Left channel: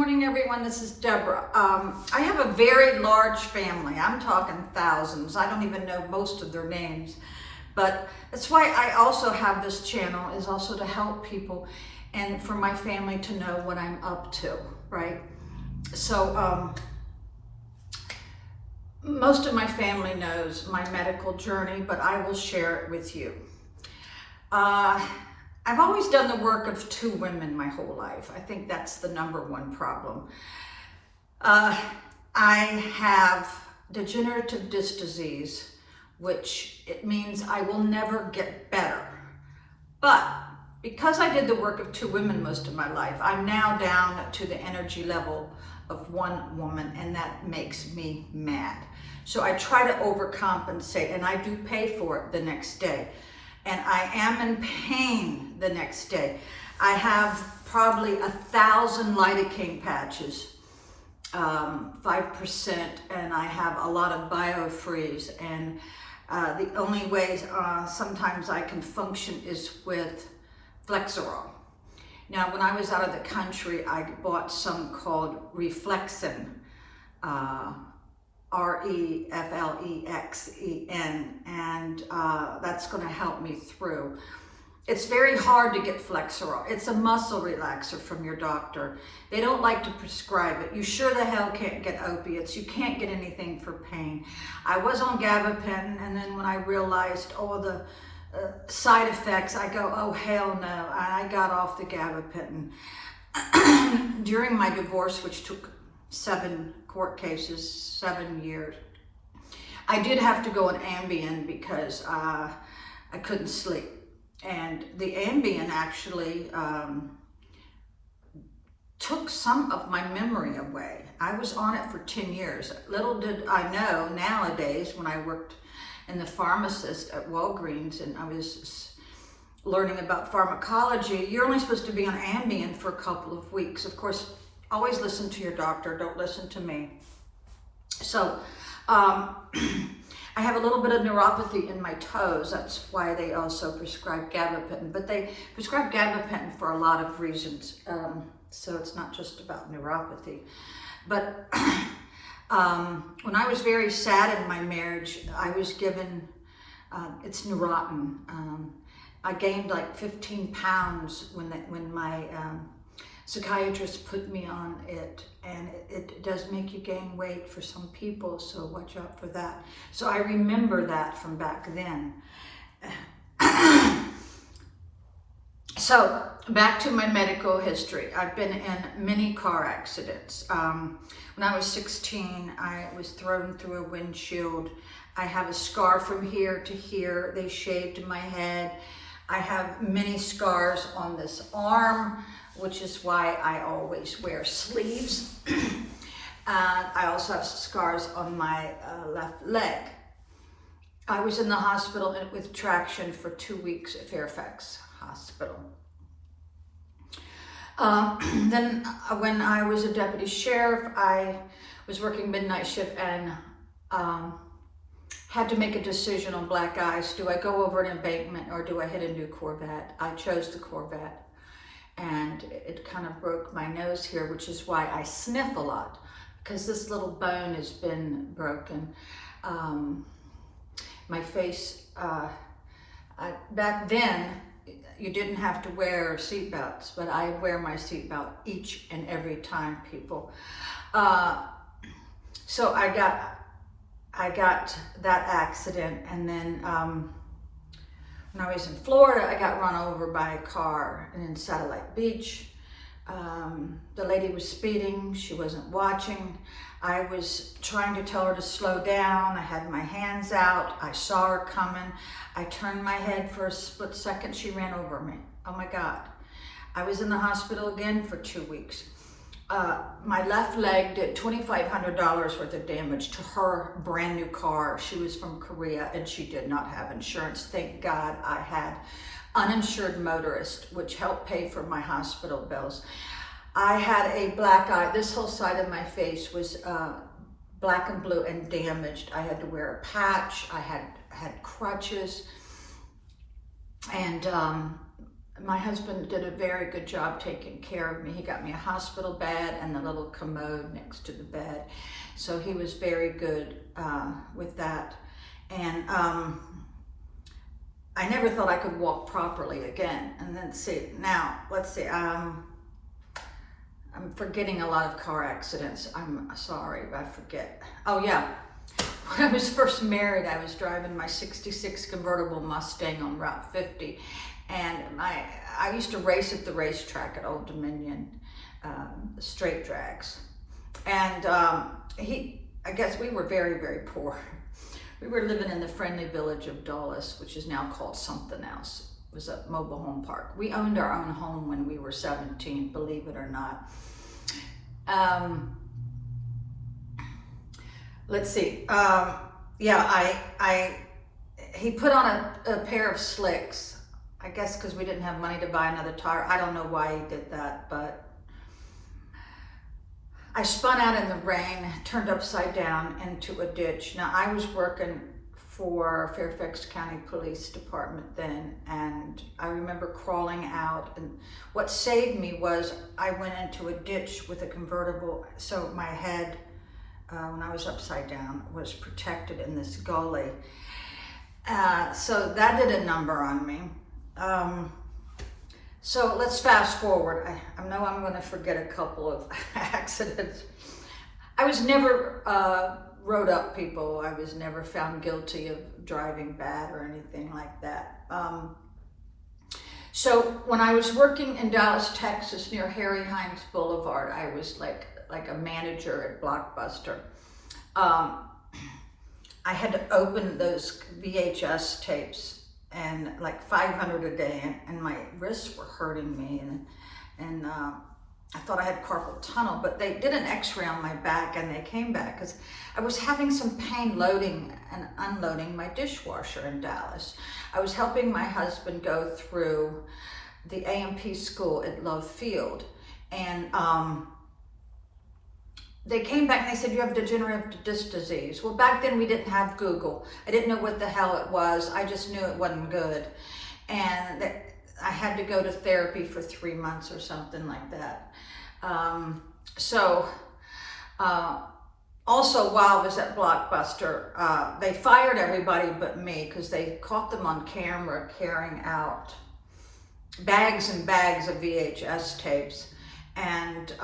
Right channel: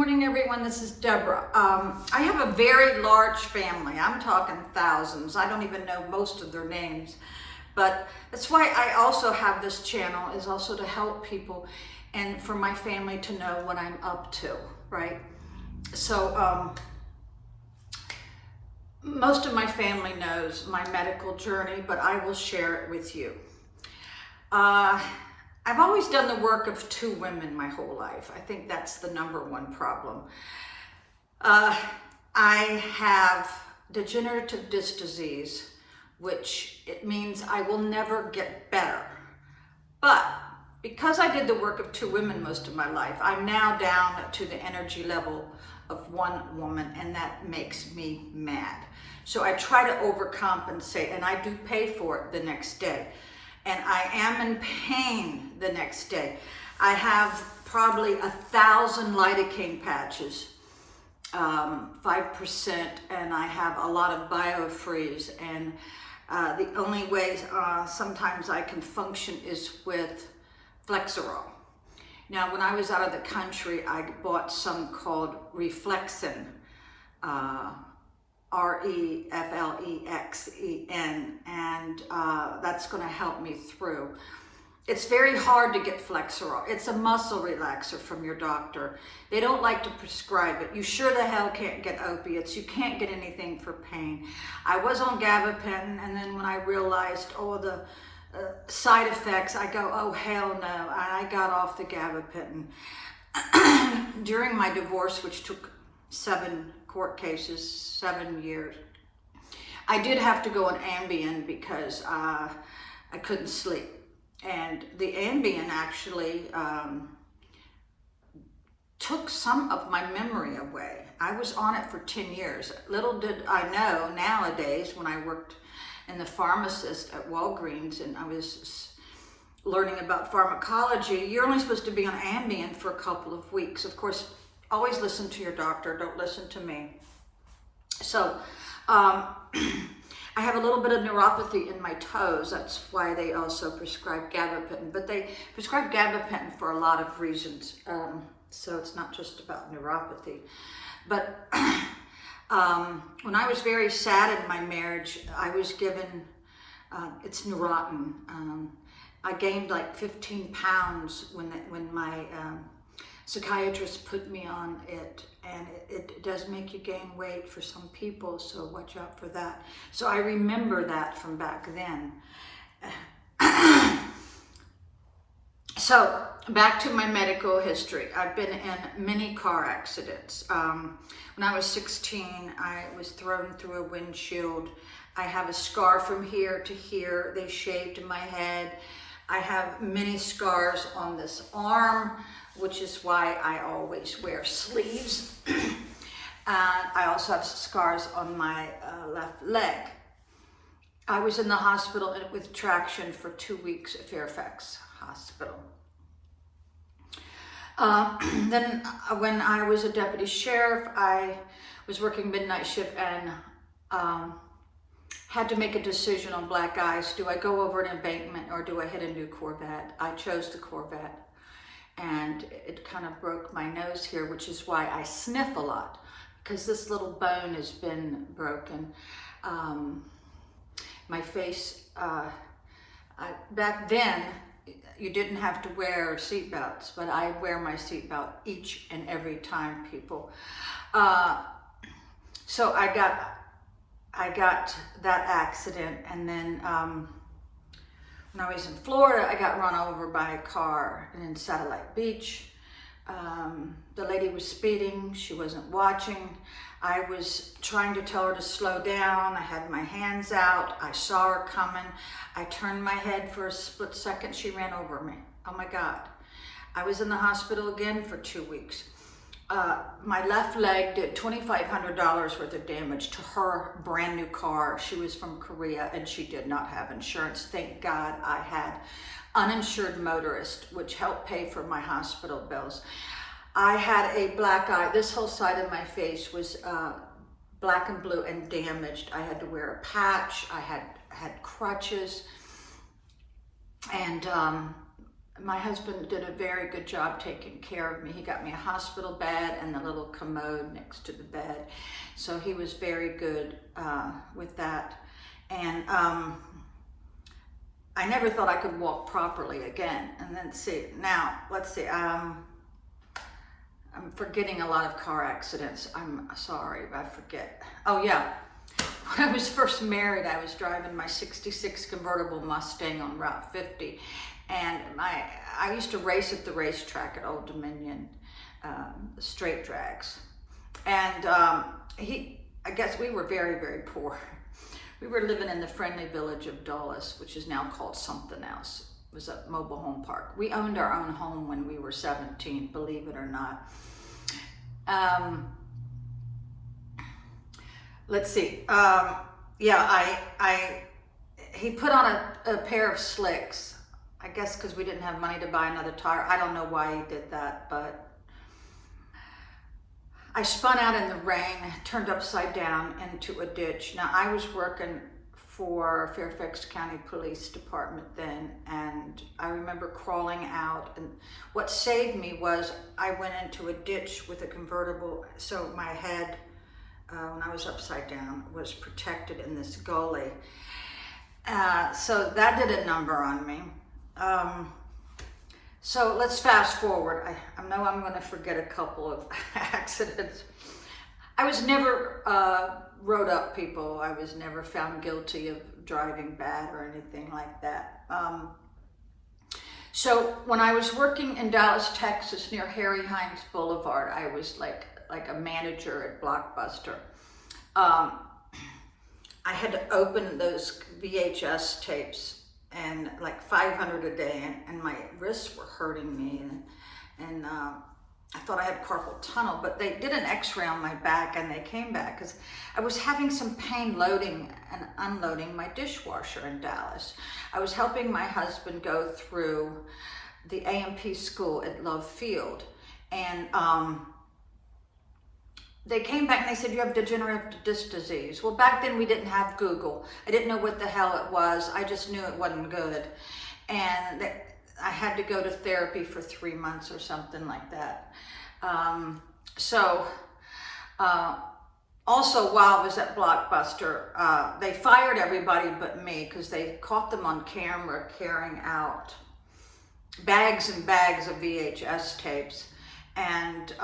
morning, everyone. This is Deborah. I have a very large family. I'm talking thousands. I don't even know most of their names. But that's why I also have this channel, is also to help people and for my family to know what I'm up to, right? So most of my family knows my medical journey, but I will share it with you. I've always done the work of two women my whole life. I think that's the number one problem. I have degenerative disc disease, which it means I will never get better. But because I did the work of two women most of my life, I'm now down to the energy level of one woman, and that makes me mad. So I try to overcompensate, and I do pay for it the next day. And I am in pain the next day. I have probably 1,000 lidocaine patches, 5%, and I have a lot of BioFreeze. And the only way sometimes I can function is with Flexeril. Now, when I was out of the country, I bought some called Reflexen, Reflexen, and that's going to help me through. It's very hard to get Flexeril. It's a muscle relaxer from your doctor. They don't like to prescribe it. You sure the hell can't get opiates. You can't get anything for pain. I was on gabapentin, and then when I realized all the side effects, I go, oh hell no, and I got off the gabapentin. During my divorce, which took 7 court cases, 7 years, I did have to go on Ambien because I couldn't sleep. And the Ambien actually took some of my memory away. I was on it for 10 years. Little did I know nowadays, when I worked in the pharmacist at Walgreens and I was learning about pharmacology, you're only supposed to be on Ambien for a couple of weeks. Of course, always listen to your doctor, don't listen to me. So I have a little bit of neuropathy in my toes. That's why they also prescribe gabapentin, but they prescribe gabapentin for a lot of reasons. So it's not just about neuropathy. But when I was very sad in my marriage, I was given, it's Neurontin. I gained like 15 pounds when my psychiatrist put me on it, and it does make you gain weight for some people, so watch out for that. So I remember that from back then. So back to my medical history. I've been in many car accidents. When I was 16, I was thrown through a windshield. I have a scar from here to here. They shaved my head. I have many scars on this arm, which is why I always wear sleeves. I also have scars on my left leg. I was in the hospital with traction for 2 weeks at Fairfax Hospital. Then when I was a deputy sheriff, I was working midnight shift and had to make a decision on black ice. Do I go over an embankment or do I hit a new Corvette? I chose the Corvette. And it kind of broke my nose here, which is why I sniff a lot, because this little bone has been broken. My face, back then, you didn't have to wear seatbelts, but I wear my seatbelt each and every time, people. So I got that accident, and then when I was in Florida, I got run over by a car in Satellite Beach. The lady was speeding, she wasn't watching. I was trying to tell her to slow down. I had my hands out. I saw her coming. I turned my head for a split second. She ran over me. Oh my God. I was in the hospital again for 2 weeks. My left leg did $2,500 worth of damage to her brand new car. She was from Korea and she did not have insurance. Thank God I had uninsured motorist, which helped pay for my hospital bills. I had a black eye. This whole side of my face was black and blue and damaged. I had to wear a patch. I had crutches. And my husband did a very good job taking care of me. He got me a hospital bed and a little commode next to the bed. So he was very good with that. And I never thought I could walk properly again. And then let's see, I'm forgetting a lot of car accidents. I'm sorry, I forget. Oh yeah, when I was first married, I was driving my 66 convertible Mustang on Route 50. And I used to race at the racetrack at Old Dominion, straight drags. And I guess we were very, very poor. We were living in the friendly village of Dulles, which is now called something else. It was a mobile home park. We owned our own home when we were 17, believe it or not. Let's see. He put on a pair of slicks. I guess because we didn't have money to buy another tire. I don't know why he did that, but I spun out in the rain, turned upside down into a ditch. Now, I was working for Fairfax County Police Department then, and I remember crawling out, and what saved me was I went into a ditch with a convertible, so my head, when I was upside down, was protected in this gully. So that did a number on me. So let's fast forward. I know I'm going to forget a couple of accidents. I was never wrote up, people. I was never found guilty of driving bad or anything like that. So when I was working in Dallas, Texas, near Harry Hines Boulevard, I was like a manager at Blockbuster. I had to open those VHS tapes, and like 500 a day, and my wrists were hurting me, and I thought I had carpal tunnel, but they did an x-ray on my back, and they came back because I was having some pain loading and unloading my dishwasher in Dallas. I was helping my husband go through the A&P school at Love Field, and they came back and they said, you have degenerative disc disease. Well, back then we didn't have Google. I didn't know what the hell it was. I just knew it wasn't good. And I had to go to therapy for 3 months or something like that. Also, while I was at Blockbuster, they fired everybody but me because they caught them on camera carrying out bags and bags of VHS tapes. And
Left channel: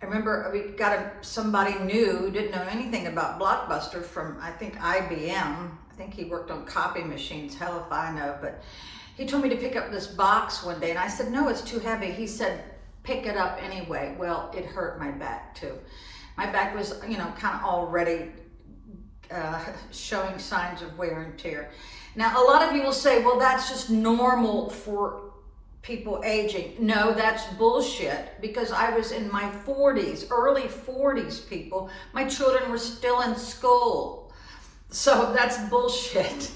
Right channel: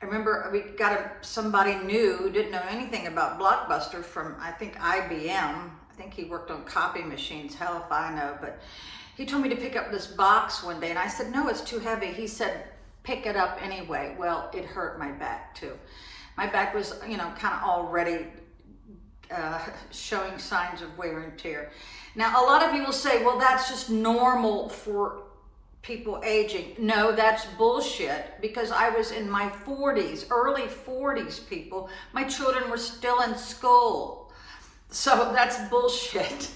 I remember we got somebody new who didn't know anything about Blockbuster from, I think, IBM. I think he worked on copy machines, hell if I know, but he told me to pick up this box one day, and I said, no, it's too heavy. He said, pick it up anyway. Well, it hurt my back too. My back was, kind of already showing signs of wear and tear. Now, a lot of people say, well, that's just normal for people aging. No, that's bullshit, because I was in my 40s, early 40s, people. My children were still in school. So that's bullshit.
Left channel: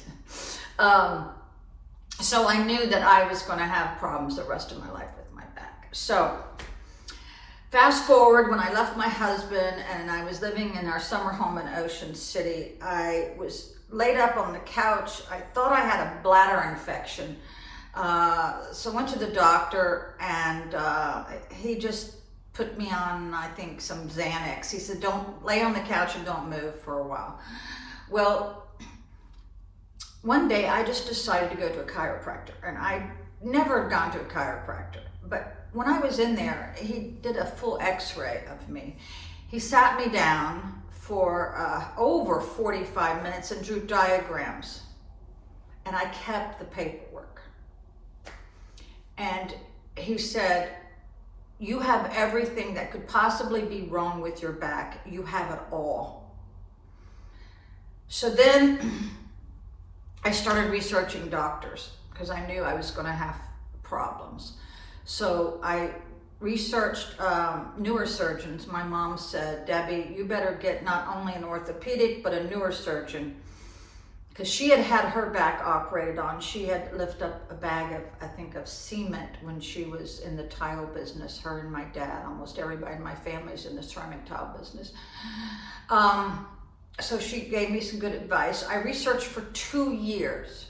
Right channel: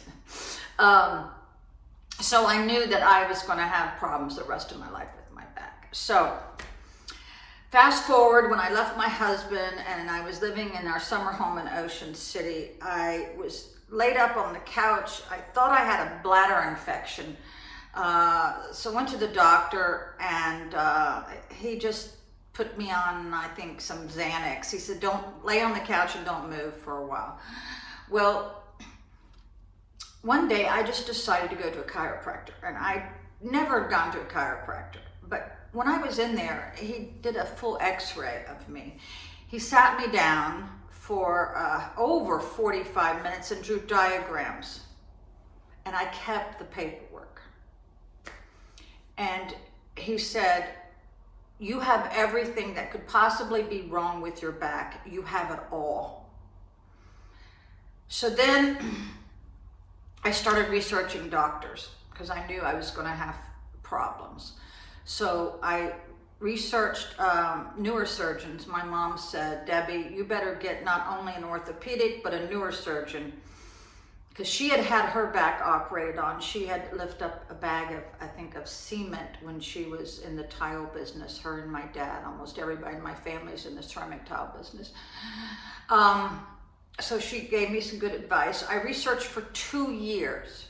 So I knew that I was going to have problems the rest of my life with my back. So fast forward, when I left my husband and I was living in our summer home in Ocean City, I was laid up on the couch. I thought I had a bladder infection. So I went to the doctor, and he just put me on, I think, some Xanax. He said, don't lay on the couch and don't move for a while. Well, one day I just decided to go to a chiropractor, and I never had gone to a chiropractor. But when I was in there, he did a full x-ray of me. He sat me down for over 45 minutes and drew diagrams, and I kept the paperwork. And he said, you have everything that could possibly be wrong with your back. You have it all. So then I started researching doctors because I knew I was going to have problems. So I researched neurosurgeons. My mom said, Debbie, you better get not only an orthopedic, but a neurosurgeon, because she had had her back operated on. She had lifted up a bag of, I think, of cement when she was in the tile business. Her and my dad, almost everybody in my family's in the ceramic tile business. So she gave me some good advice. I researched for 2 years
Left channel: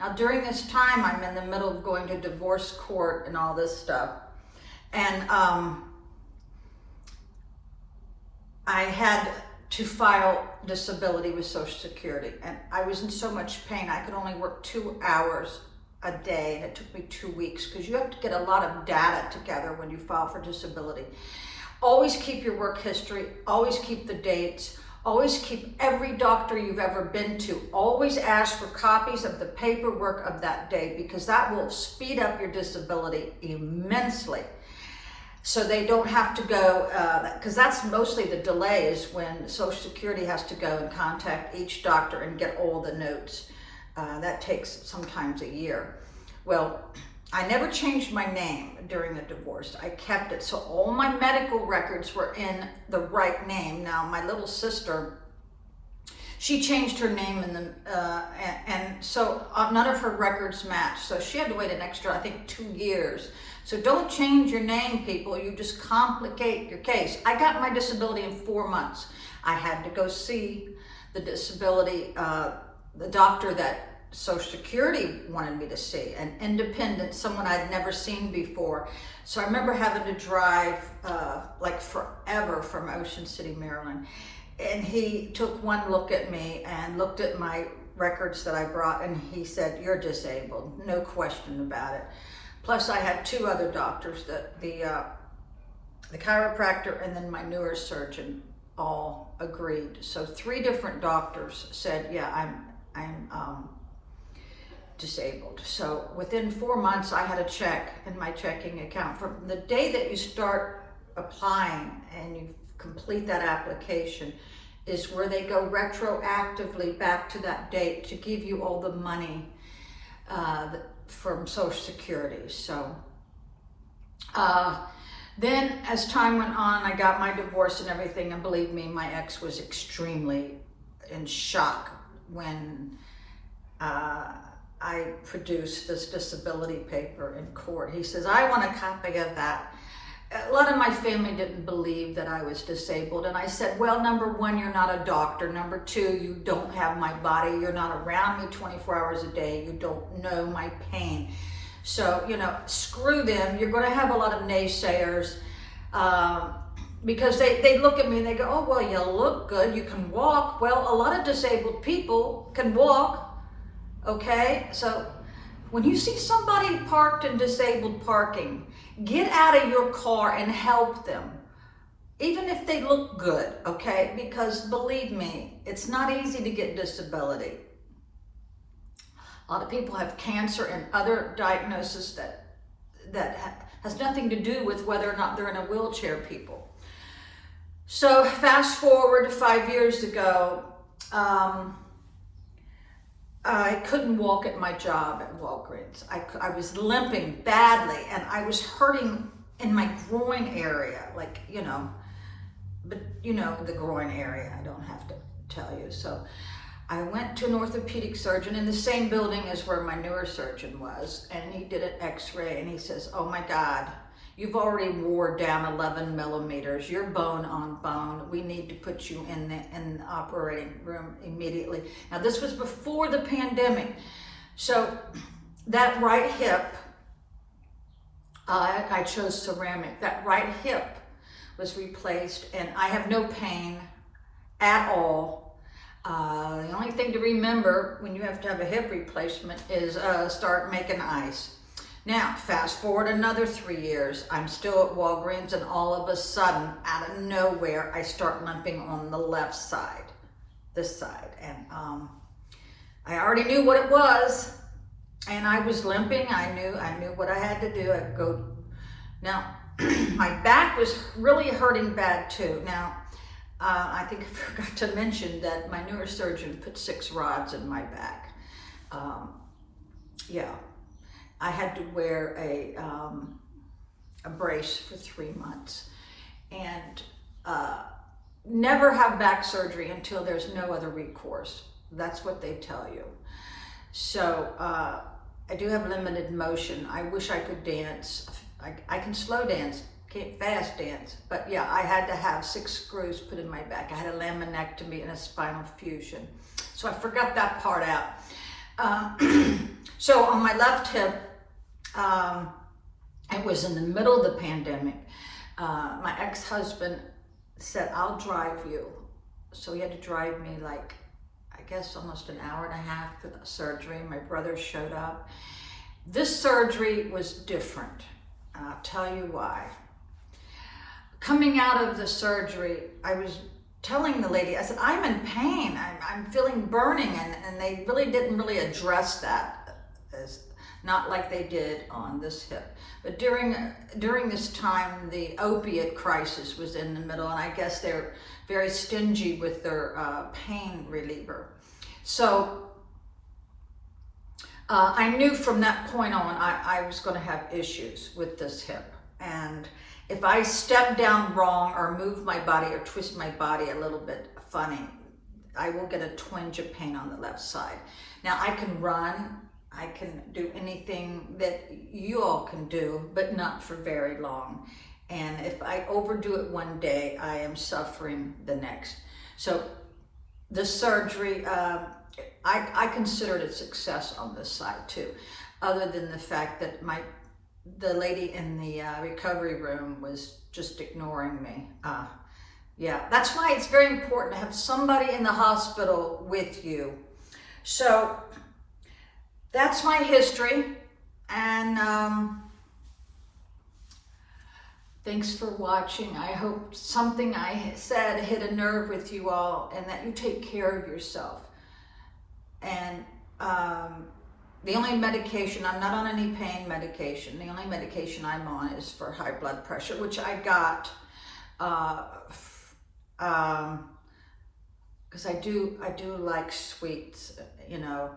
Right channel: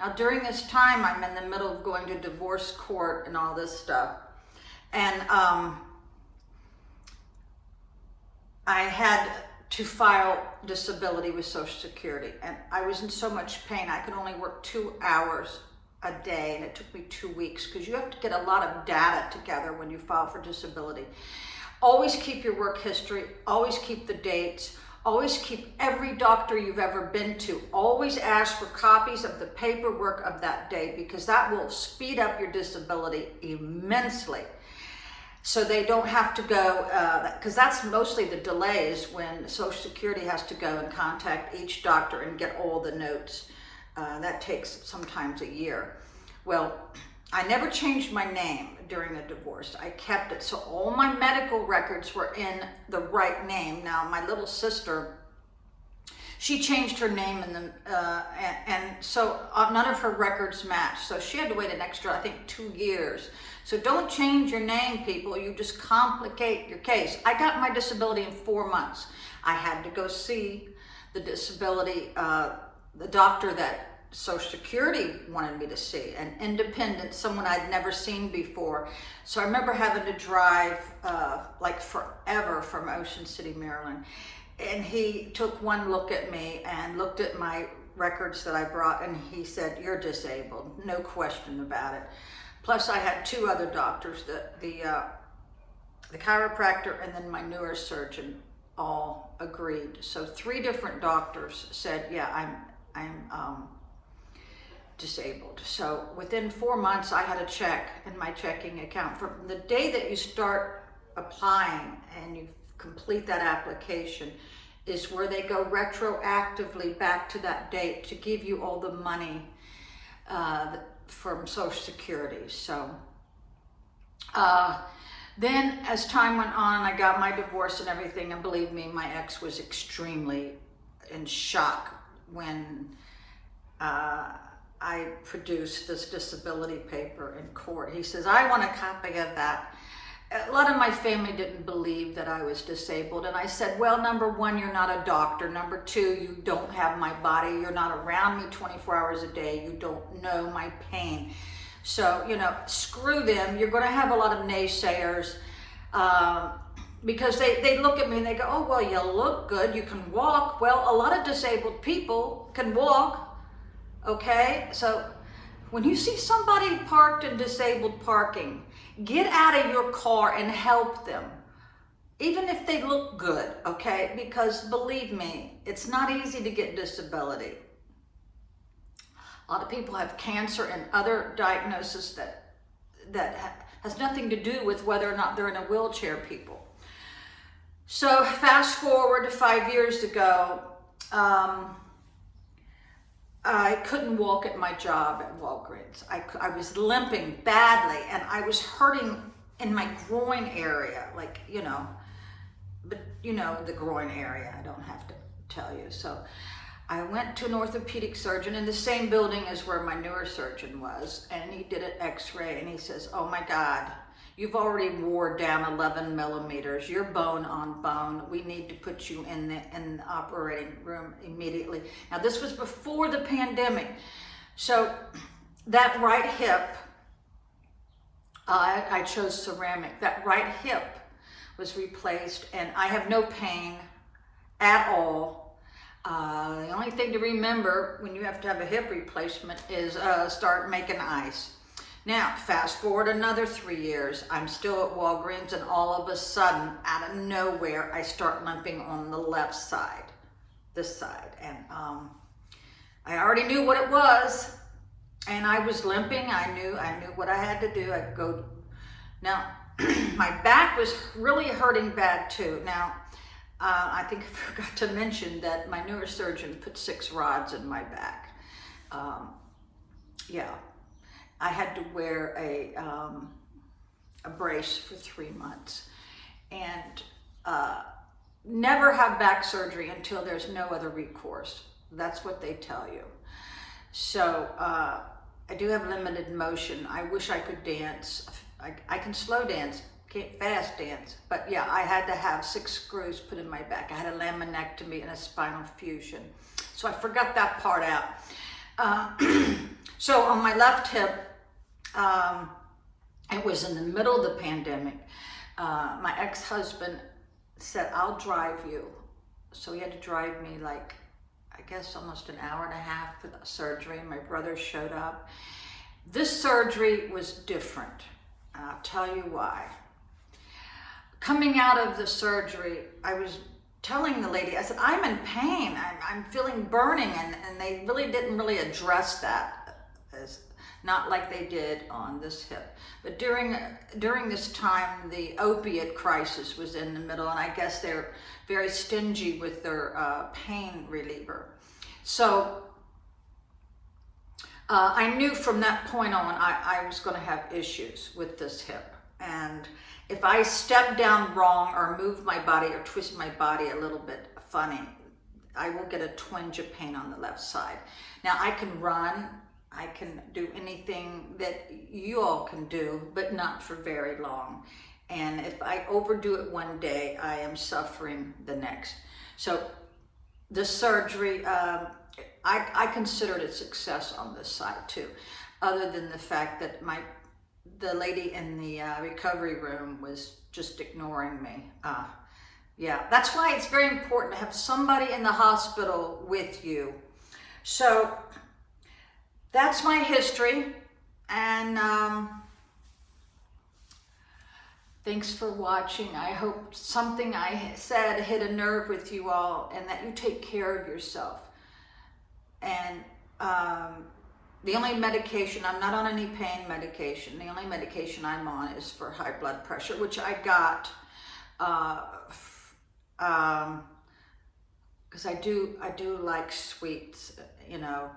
Now, during this time, I'm in the middle of going to divorce court and all this stuff. And I had to file disability with Social Security. And I was in so much pain, I could only work 2 hours a day. And it took me 2 weeks because you have to get a lot of data together when you file for disability. Always keep your work history, always keep the dates, always keep every doctor you've ever been to. Always ask for copies of the paperwork of that day because that will speed up your disability immensely. So they don't have to go, because that's mostly the delay is when Social Security has to go and contact each doctor and get all the notes. That takes sometimes a year. Well, I never changed my name during the divorce. I kept it. So all my medical records were in the right name. Now, my little sister, she changed her name and so none of her records matched. So she had to wait an extra, I think, 2 years. So don't change your name, people. You just complicate your case. I got my disability in 4 months. I had to go see the disability, the doctor that Social Security wanted me to see, an independent, someone I'd never seen before. So I remember having to drive like forever from Ocean City, Maryland. And he took one look at me and looked at my records that I brought, and he said, "You're disabled, no question about it." Plus I had 2 other doctors, the chiropractor and then my neurosurgeon all agreed. So 3 different doctors said, yeah, I'm disabled. So within 4 months, I had a check in my checking account. From the day that you start applying and you complete that application is where they go retroactively back to that date to give you all the money from Social Security. So then as time went on, I got my divorce and everything, and believe me, my ex was extremely in shock when I produced this disability paper in court. He says, "I want a copy of that." A lot of my family didn't believe that I was disabled. And I said, well, number 1, you're not a doctor. Number 2, you don't have my body. You're not around me 24 hours a day. You don't know my pain. So, screw them. You're going to have a lot of naysayers because they look at me and they go, "Oh, well, you look good. You can walk." Well, a lot of disabled people can walk. Okay, so when you see somebody parked in disabled parking, get out of your car and help them, even if they look good, okay? Because believe me, it's not easy to get disability. A lot of people have cancer and other diagnoses that has nothing to do with whether or not they're in a wheelchair, people. So fast forward 5 years ago, I couldn't walk at my job at Walgreens. I was limping badly, and I was hurting in my groin area, the groin area. I don't have to tell you. So I went to an orthopedic surgeon in the same building as where my neurosurgeon was, and he did an x-ray, and he says, "Oh my God, you've already wore down 11 millimeters. You're bone on bone. We need to put you in the operating room immediately." Now, this was before the pandemic. So that right hip, I chose ceramic. That right hip was replaced, and I have no pain at all. The only thing to remember when you have to have a hip replacement is start making ice. Now, fast forward another 3 years, I'm still at Walgreens, and all of a sudden, out of nowhere, I start limping on the left side, this side. And I already knew what it was, and I was limping. I knew what I had to do. I'd go. Now, my back was really hurting bad too. Now, I think I forgot to mention that my neurosurgeon put 6 rods in my back. Yeah. I had to wear a brace for 3 months, and never have back surgery until there's no other recourse. That's what they tell you. So I do have limited motion. I wish I could dance. I can slow dance, can't fast dance, but yeah, I had to have 6 screws put in my back. I had a laminectomy and a spinal fusion. So I forgot that part out. Uh, so on my left hip, it was in the middle of the pandemic. My ex-husband said, I'll drive you. So he had to drive me like, I guess almost an hour and a half for the surgery. My brother showed up. This surgery was different. I'll tell you why. Coming out of the surgery, I was telling the lady, I said, I'm in pain. I'm feeling burning. And they really didn't really address that, as not like they did on this hip. But during this time, the opiate crisis was in the middle, and I guess they're very stingy with their pain reliever. So I knew from that point on I was going to have issues with this hip. And if I step down wrong or move my body or twist my body a little bit funny, I will get a twinge of pain on the left side. Now I can run, I can do anything that you all can do, but not for very long. And if I overdo it one day, I am suffering the next. So the surgery, I considered a success on this side too, other than the fact that the lady in the recovery room was just ignoring me. Yeah, that's why it's very important to have somebody in the hospital with you. So that's my history, and thanks for watching. I hope something I said hit a nerve with you all, and that you take care of yourself. And the only medication, I'm not on any pain medication. The only medication I'm on is for high blood pressure, which I got because I do like sweets, you know.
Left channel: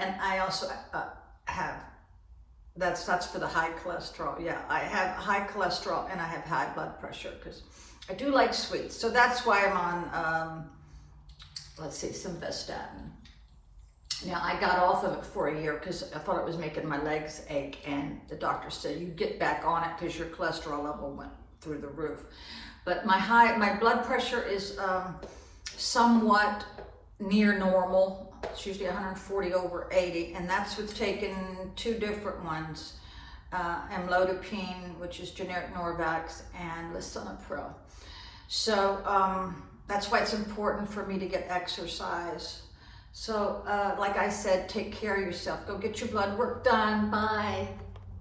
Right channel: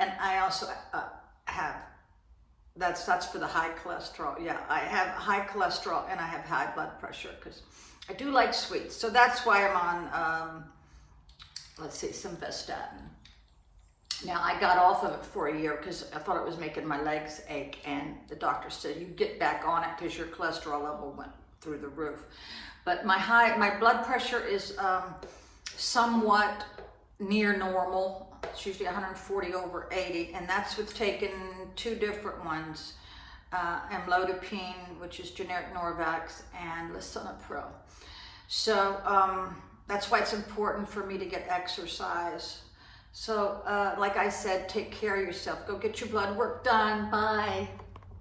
And I also have, that's for the high cholesterol. Yeah, I have high cholesterol and I have high blood pressure because I do like sweets. So that's why I'm on, let's see, simvastatin. Now I got off of it for a year because I thought it was making my legs ache, and the doctor said, you get back on it because your cholesterol level went through the roof. But my blood pressure is somewhat near normal. It's usually 140 over 80, and that's with taking two different ones, amlodipine, which is generic Norvax, and lisinopril. So that's why it's important for me to get exercise. So like I said, take care of yourself. Go get your blood work done. Bye.